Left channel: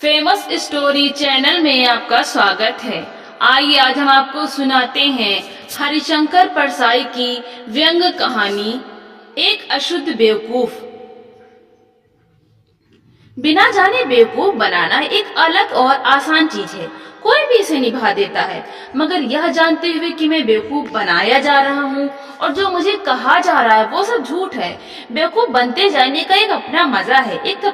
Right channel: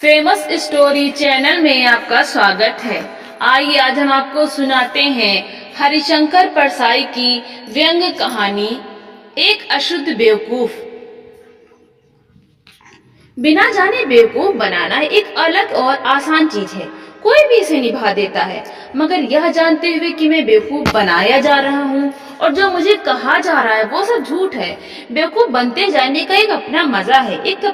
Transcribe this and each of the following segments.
Famous story channel में आपका स्वागत है। आइए आज हम आपको सुनाते हैं हरिशंकर परसाई की व्यंग कहानी एक अशुद्ध बेवकूफ। बिना जाने बेवकूफ बनाना एक अलग और आसान चीज है, कोई भी इसे निभा देता है। मगर यह जानते हुए कि मैं बेवकूफ बनाया जा रहा हूँ और जो मुझे कहा जा रहा है वो सब झूठ है। बेवकूफ बनते जाने का एक अपना मजा है, एक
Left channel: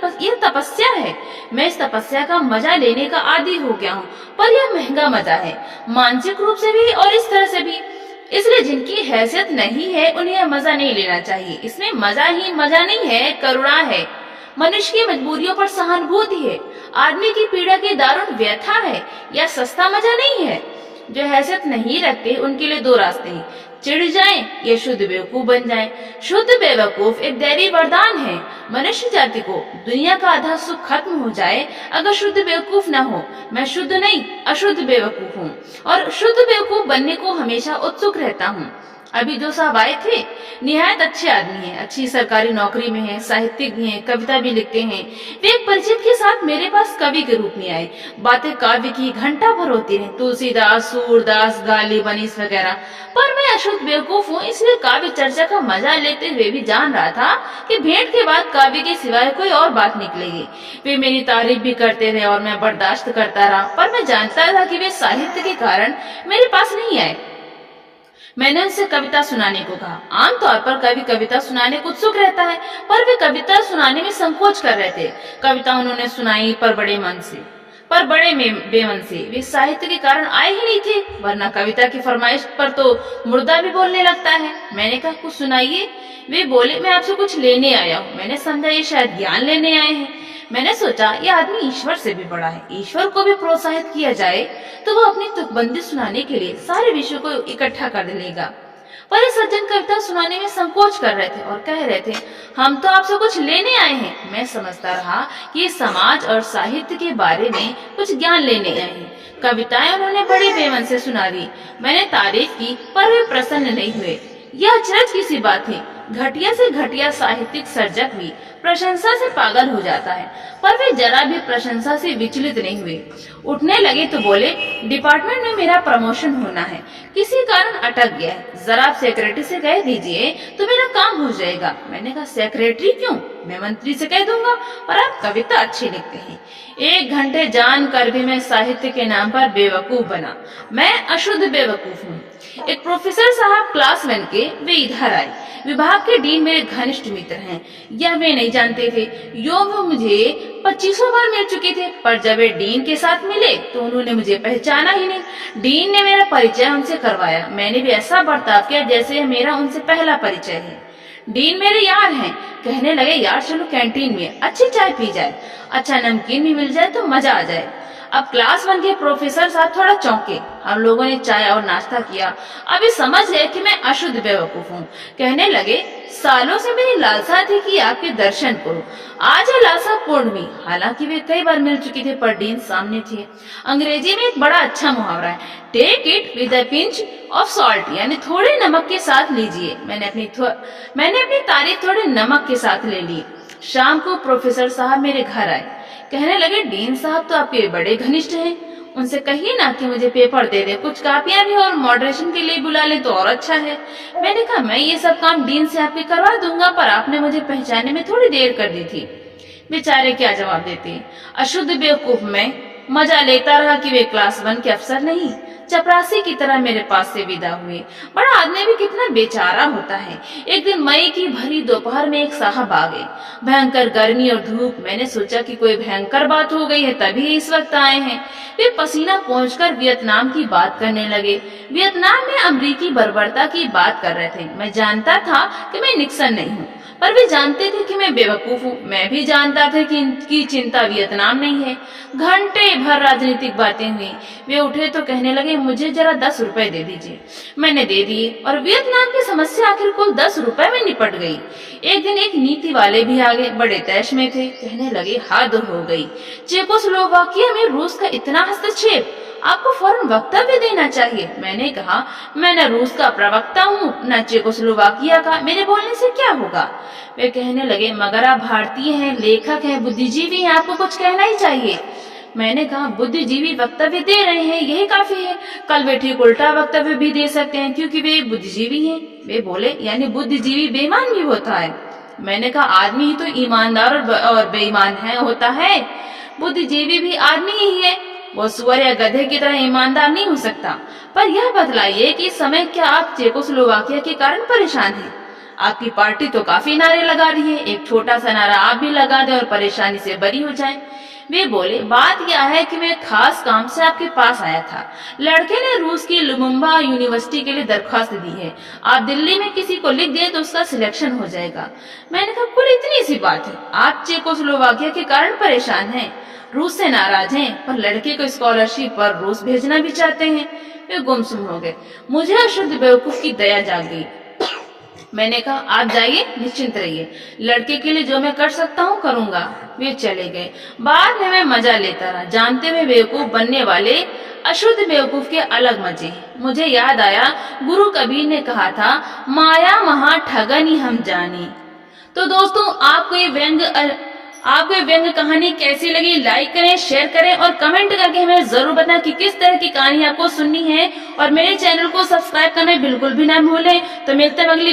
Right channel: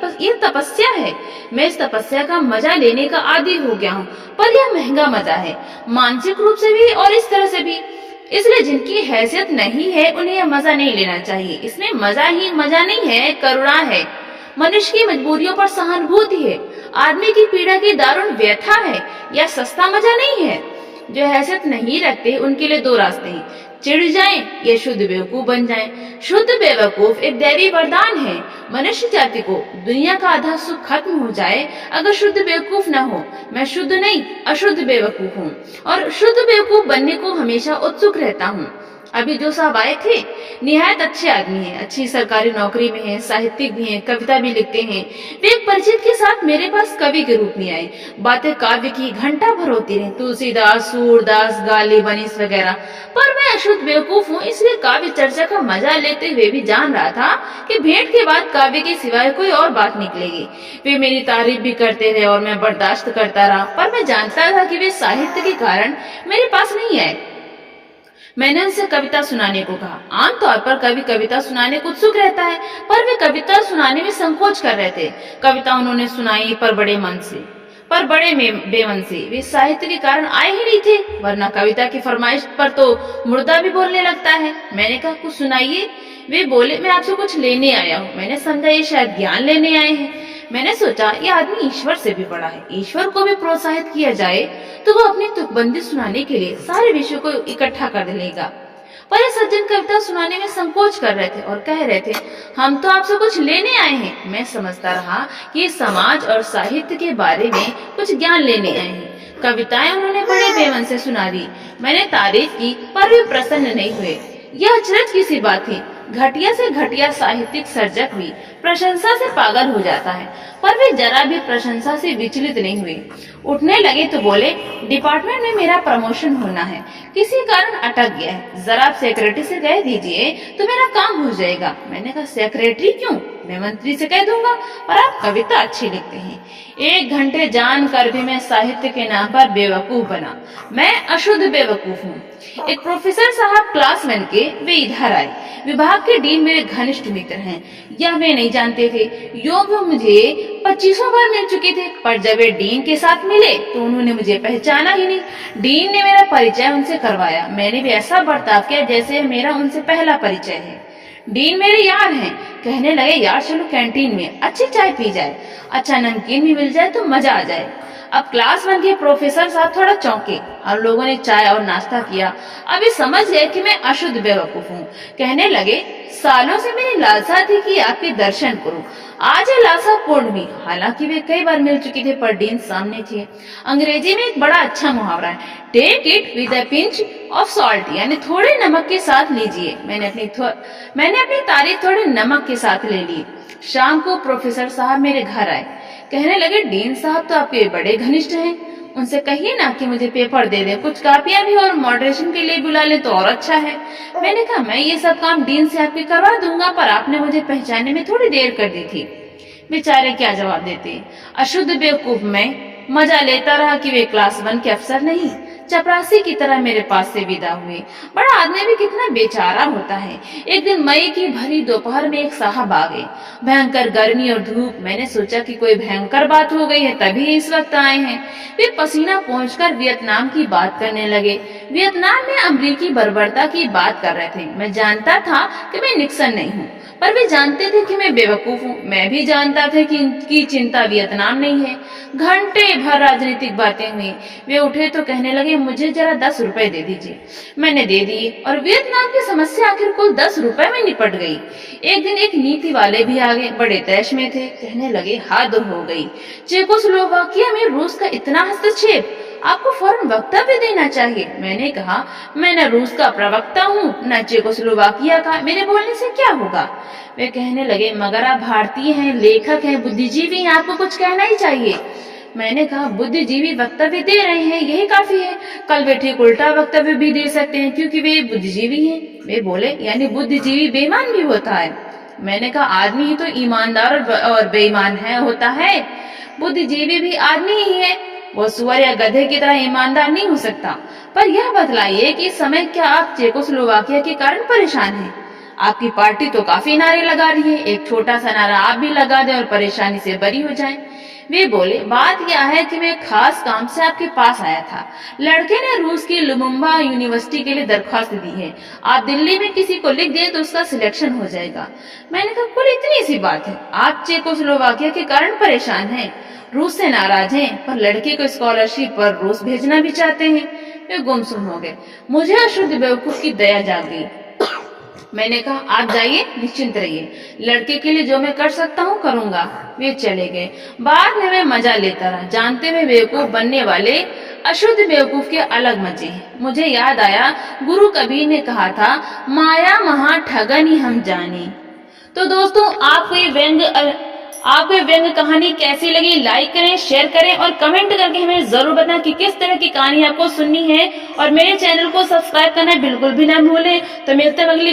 तपस्या है। मैं इस तपस्या का मजा लेने का आदी हो गया हूँ, पर यह महंगा मजा है, मानसिक रूप से भी और इस तरह से भी। इसलिए जिनकी हैसियत नहीं है उन्हें यह मजा नहीं लेना चाहिए। इसमें मजा ही मजा नहीं है, करुणा है, मनुष्य की मजबूरियों पर सहानुभूति है, आदमी की पीड़ा की दारुण व्यथा है। यह सस्ता मजा नहीं है। जो हैसियत नहीं रखते उनके लिए दो रास्ते हैं, चिढ़ जाएं या शुद्ध बेवकूफ बन जाएं। शुद्ध बेवकूफ एक दैवी वरदान है। मनुष्य जाति को दुनिया का आधा सुख खत्म हो जाए अगर शुद्ध बेवकूफ न हो। मैं शुद्ध नहीं, अशुद्ध बेवकूफ हूँ और शुद्ध बेवकूफ बनने को हमेशा उत्सुक रहता हूँ। अभी जो साहब आए थे निहायत अच्छे आदमी हैं, अच्छी सरकारी नौकरी में हैं, साहित्यिक भी हैं, कविता भी लिखते हैं। वे एक परिचित के साथ मेरे पास कवि के रूप में आए। बातें काव्य की घंटा भर होती रही, तुलसीदास, सूरदास, गाली, बनीस वगैरह। पर मैं अशुद्ध बेवकूफ हूँ, इसलिए काव्य चर्चा का मजा लेते हुए भी जान रहा था कि भेंट के बाद काव्य के सिवाय कोई और बात निकलेगी। वे मेरी तारीफ भी करते रहे और मैं बर्दाश्त करता रहा, पर मैं जानता था कि वे साहित्य के कारण मेरे पास नहीं आए। मैंने उनसे कविता सुनाने को कहा। आमतौर पर कवि कविता सुनाने को उत्सुक रहता है, पर वे कविता सुनाने में संकोच कर रहे थे। कविता उन्होंने सुनाई पर बड़े बेमन से। वे साहित्य के कारण आए ही नहीं थे, वरना कविता की फरमाइश पर तो मुर्दा भी बोलने लगता है। मैंने कहा कुछ सुनाइए। वे बोले मैं आपसे कुछ लेने आया हूँ। मैंने समझा ये शायद ज्ञान लेने आए हैं। मैंने सोचा यह आदमी ईश्वर से भी बड़ा है, ईश्वर को भी प्रोत्साहित किया जाए तो वो अपनी तुकबंदी सुनाने के लिए सारे विषयों को इकट्ठा कर लेगा। पर ये सज्जन कविता सुनाने में संकोच कर रहे थे और कह रहे थे हम तो आपसे कुछ लेने आए हैं। मैं समझता रहा कि समाज और साहित्य के बारे में कुछ ज्ञान लेने आए हैं। कविताएं उन्होंने बड़े बेमन से सुना दी। मैंने तारीफ की पर वे प्रसन्न नहीं हुए। यह अचरज की सी बात थी, घटिया से घटिया साहित्यिक सर्जक भी प्रशंसा से पागल हो जाता है, पर वे जरा भी प्रशंसा से विचलित नहीं हुए। उठने लगे तो बोले डिपार्टमेंट में मेरा प्रमोशन होना है, किसी कारण अटक गया है, जरा आप सेक्रेटरी से कह दीजिए तो मेरा काम हो जाएगा। मैंने कहा सेक्रेटरी क्यों, मैं मंत्री से कह दूंगा, पर आप कविता अच्छी लिखते हैं। 1 घंटे जान कर भी मैं साहित्य के नाम पर बेवकूफ बना। मैं अशुद्ध बेवकूफ हूँ। एक प्रोफेसर साहब क्लास 1 के, वे इधर आए। विभाग के डीन मेरे घनिष्ठ मित्र हैं, यह वे नहीं जानते थे। वो मुझे 2500 बार मिल चुके थे, पर जब वे डीन के साथ मिले तो उन्होंने मुझे पहचाना ही नहीं। डीन ने मेरा परिचय उनसे करवाया। मैंने भी ऐसा बर्ताव किया जैसे मेरा उनसे पहला परिचय है। डीन मेरे यार हैं। कहने लगे यार चलो कैंटीन में अच्छी चाय पी जाए, अच्छा नमकीन भी मिल जाए तो मजा आ जाए। अब क्लास 1 के प्रोफेसर साहब थोड़ा चौंके। हम लोगों ने चाय और नाश्ता किया। अभी समझ गए कि मैं अशुद्ध बेवकूफ हूँ। कहने लगे सालों से मेरी लालसा थी कि आपके दर्शन करूं, आज ये लालसा पूर्ण हुई। हालांकि वे कई बार मिल चुके थे पर डीन सामने थे। अंग्रेजी में एक बड़ा अच्छा मुहावरा है, take it with a pinch of salt, यानी थोड़े नमक के साथ लीजिए। मैंने अपनी तारीफ थोड़े नमक के साथ ले ली। शाम को प्रोफेसर साहब मेरे घर आए। कहने लगे डीन साहब तो आपके बड़े घनिष्ठ हैं, उनसे कहिए ना कि मुझे पेपर दे दें, कुछ कापियां भी और मॉडरेशन के लिए बुला लें तो और अच्छा है। मैंने कहा मैं ये सब काम डीन से आपके करवा दूंगा, पर आपने मुझे पहचानने में थोड़ी देर कर दी थी। बेचारे क्या जवाब देते। अशुद्ध बेवकूफ में मजा लेता रहा कि वे क्लास 1 के अफसर नहीं, चपरासी की तरह मेरे पास से विदा हुए। बड़ा आदमी भी कितना बेचारा होता है। एक दिन मई की भरी दोपहर में एक साहब आ गए, भयंकर गर्मी और धूप। मैंने सोचा कि कोई भयंकर बात हो गई है तभी इस वक्त आए हैं। वे पसीना पोंछकर वियतनाम की बात करने लगे। वियतनाम में अमेरिकी बर्बरता की बात कर रहे थे। मैं जानता था कि मैं निक्सन नहीं हूँ, पर वे जानते थे कि मैं बेवकूफ हूँ। मैं भी जानता था कि इनकी चिंता वियतनाम नहीं है। घंटे भर राजनीतिक बातें हुई। वे उठे तो कहने लगे मुझे जरा 10 रुपए दे दीजिए। मैंने दे दिए और वियतनाम की समस्या आखिर कुल 10 रुपए में निपट गई। एक दिन एक नीति वाले भी आ गए, बड़े तैश में थे। कहने लगे हद हो गई, चेकोस्लोवाकिया में रूस का इतना हस्तक्षेप, आपको फौरन वक्तव्य देना चाहिए। मैंने कहा मैं न रूस का प्रवक्ता हूँ न चेकोस्लोवाकिया का, मेरे बोलने से क्या होगा। वे कहने लगे मगर आप भारतीय हैं, लेखक हैं, बुद्धिजीवी हैं, आपको कुछ कहना ही चाहिए। मैंने कहा बुद्धिजीवी वक्तव्य दे रहे हैं, यही काफी है। कल वे ठीक उल्टा वक्तव्य भी दे सकते हैं क्योंकि वे बुद्धिजीवी हैं। वे बोले यानी बुद्धिजीवी बेईमान भी होता है। मैंने कहा आदमी ही तो ईमानदार और बेईमान है होता है, बुद्धिजीवी भी आदमी ही है, वो सुअर या गधे की तरह ईमानदार नहीं हो सकता। पर यह बतलाइए कि इस समय क्या आप चेकोस्लोवाकिया के कारण परेशान हैं? आपकी पार्टी तो काफी नारे लगा रही है, एक छोटा सा नारा आप भी लगा दें और परेशानी से बरी हो जाएं। वे बोले बात यह है कि मैं खास काम से आपके पास आया था। लड़के ने रूस की लुमुम्बा यूनिवर्सिटी के लिए दरख्वास्त दी है। आप दिल्ली में किसी को लिख दें तो उसका सिलेक्शन हो जाएगा। मैंने कहा कुल इतनी सी बात है, आप चेकोस्लोवाकिया के कारण परेशान हैं, रूस से नाराज हैं, पर लड़के को स्कॉलरशिप पर रूस भेजना भी चाहते हैं। वे गुमसुम हो गए। मुझे अशुद्ध बेवकूफ की दया जाग गई। मैंने कहा आप जाइए, निश्चिंत रहिए, लड़के के लिए जो मैं कर सकता हूँ करूंगा। वे चले गए। बाद में मैं मजा लेता रहा, जानते हुए बेवकूफ बनने वाले अशुद्ध बेवकूफ के अलग मजे हैं। मुझे याद आया गुरु कबीर ने कहा था माया महा ठगनी हम जाने। तो दोस्तों आपको ये व्यंग कहानी कैसी लगी, लाइक करें, शेयर करें और कमेंट करके हमें जरूर बताएं कि किस तरह की कहानी आपको सुननी है। और मेरे चैनल को सब्सक्राइब करना बिल्कुल भी ना भूलें। तो मिलते हैं अगली